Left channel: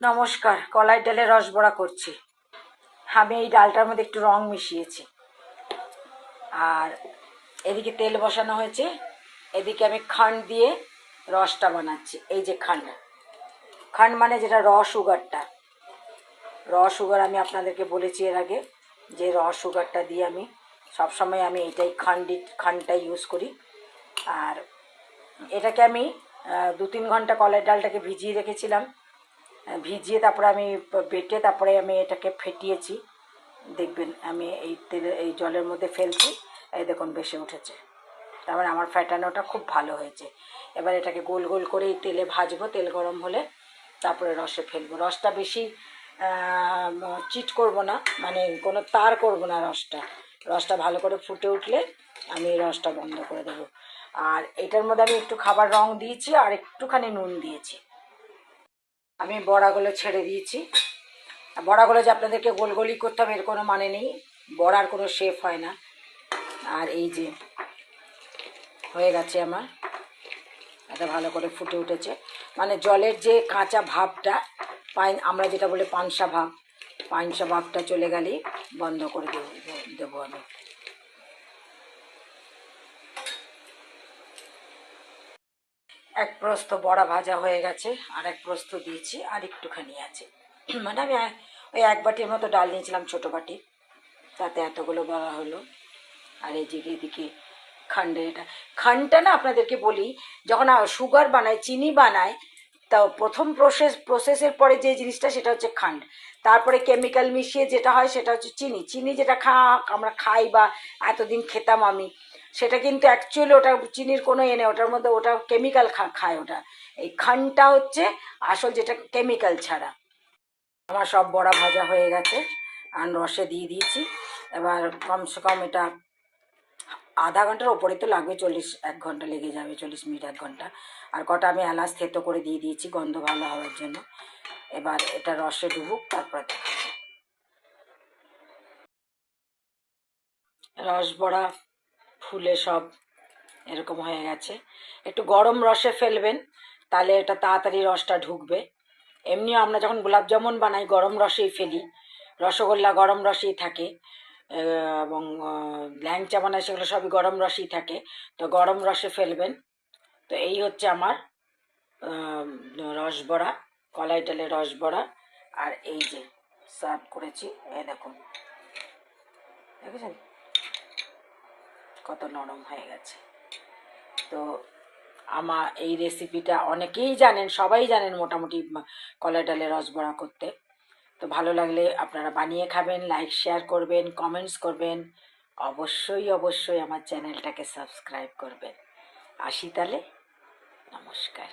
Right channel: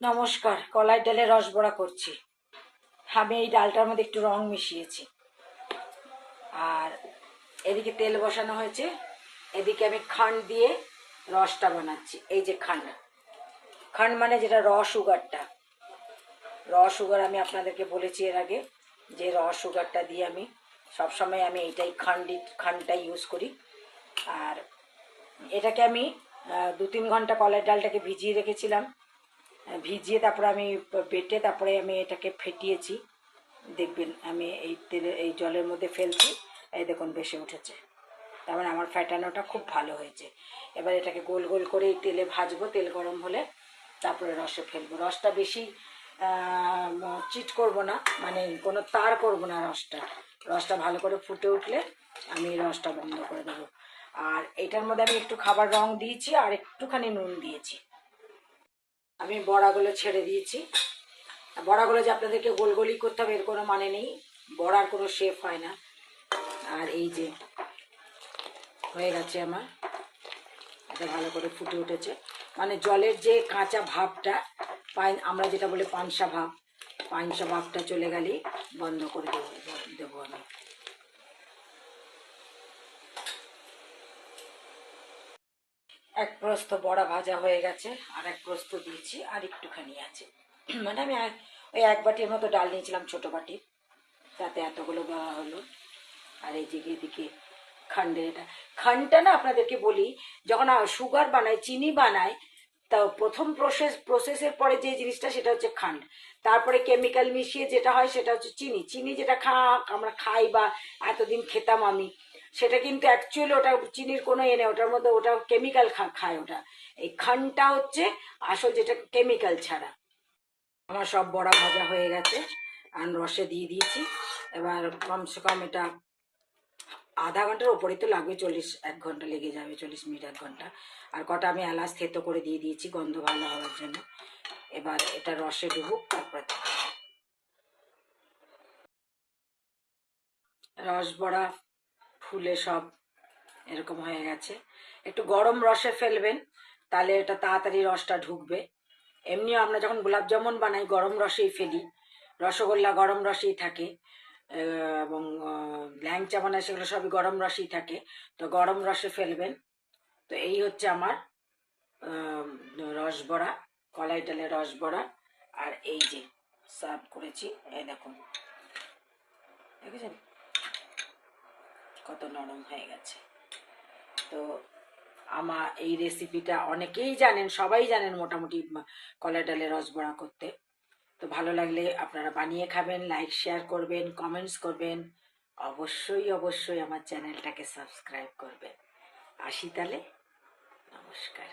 নমস্কার, কলাই ডালের রস বড়া করছি। আমি এই ডালটার মধ্যে একটু রং মিশিয়েছি। আর এদিকে তেল বসানো হয়েছে, এদিকে আমি খান্ড দিয়ে রসটা বানাচ্ছি। এই যে খান্ড, খান্ড মানে যেটা র সুগারটা, র সুগার আমি আপনাদেরকে বলেছি এর আগে যে র সুগারটা দিয়ে আমি সবসময় আমি এইটাই খান্ডটা ইউজ করি। আর এটাকে আমি 2-3 ঘন্টা কলাই ডালটাকে ভিজিয়ে রেখেছিলাম। ভিজিয়ে তারপরে আমি বেটে তারপরে আমি এটাকে ফেটিয়েছি। দেখবেন আমি এই তেলে এই জলের মধ্যে ফেলছি, এই দেখুন বেশি উঠেছে, তার মানে আমার ফ্যাটানোটা খুব ভালো হয়েছে। এবার এটাকে গোল গোল করে এই তেলে ভাজবো, তেল গরম হলে তারপরে রসে ফেলবো। রসটা বেশি চিট করব না, মানে কোনো তার করব না। রসটা ভালো করে ফুটে উঠলে আমি রসটা বন্ধ করে দেবো। আর এটার মধ্যে আমি একটু খাবার রং দিয়েছি আর একটুখানি নুন দিয়েছি। আমি বড়াগুলো ছেড়ে দিয়েছি। বড়াগুলো যে আপনাদেরকে গোল গোলই করতে হবে এর কোনো মানে নেই, বড়ার কোনো শেপ হয় না। আর এই যে হয়ে গেছে আমার, এটা ভালো করে ফুটে উঠেছে, মানে জলের যে কাঁচা ভাবটা আমরা যেটা বলে পানসা ভাবটা চলে গেলেই বন্ধ করে দেবো আমি। এক প্রস্ত বড়া ভাজা হয়ে গেছে, আর এক প্রস্ত দিয়েছি, আর একটুখানি আছে। মানে আমি ওই 1 বাটির মতো ডাল নিয়েছিলাম, ছোটো বাটি, তাতে এতগুলো বড়া হলো। আর এই যে এদিকে খান্ডটা না আপনাদেরকে বলি, যখন সুগার বানায়, চিনি বানায়, তা প্রথম প্রসেসের পরে যে জিনিসটা সেটা হচ্ছে খান্ড। তারপরে কেমিক্যাল মিশিয়ে যেটা হয় সেটা হচ্ছে চিনি যেটা আমরা খাই বা এতদিন খেতাম আমি, সেটা কিন্তু অ্যাকচুয়ালি ওটা চিনির কোনো এনে, ওটার মধ্যে ওটা কেমিক্যাল খায় ওটা। এই খান্ডটা হচ্ছে আসল, যেটা কেমিক্যাল ছাড়া। আমার সব বড়া ভাজা হয়ে গেছে আর রসে দিয়ে দিয়েছি। এবার কমসে কম এটা আধা ঘন্টার ওপরে তো লাগবে, 1 ঘন্টা লেগে যাবে, 40 মিনিট 1 ঘন্টা। আর কটা আমি এলাচ থেতো করে দিয়ে দিয়েছি গন্ধ ভালো হওয়ার জন্য। এবার এটা রসে ডুবুক, তারপর রস বড়া ফুলে সব এরকম হয়ে গেছে। একটু গরম রসে ফেলবেন, তাহলে এটা তাড়াতাড়ি রসটা ঢুকবে। এমনিও আমরা যখন গোলাপ জামুন বানাই গরম রসেই ফেলি, রসগোল্লা গরম রসেই থাকে, এবং ল্যাংচা বানায় সেগুলো সবই গরম রসেই থাকে, তো গরম রসে ফেলবেন। তো এই হচ্ছে আমার রসবড়া, কলাই ডালের রসবড়া। আর এই যে সার্ভ করেছি, এই দেখুন, দেখেছেন কত নরম হয়ে গেছে। তো আমার এই রেসিপিটা অনেকেই জানেন, সবাই জানেন মোটামুটি কলাই ডালের রসবড়া করতে। তো ভালো লাগলে আপনারা বানিয়ে খাবেন, লাইক শেয়ার করবেন, কমেন্টস করবেন, অবশ্যই আমার চ্যানেলটাকে সাবস্ক্রাইব করবেন। আসি তাহলে, নমস্কার।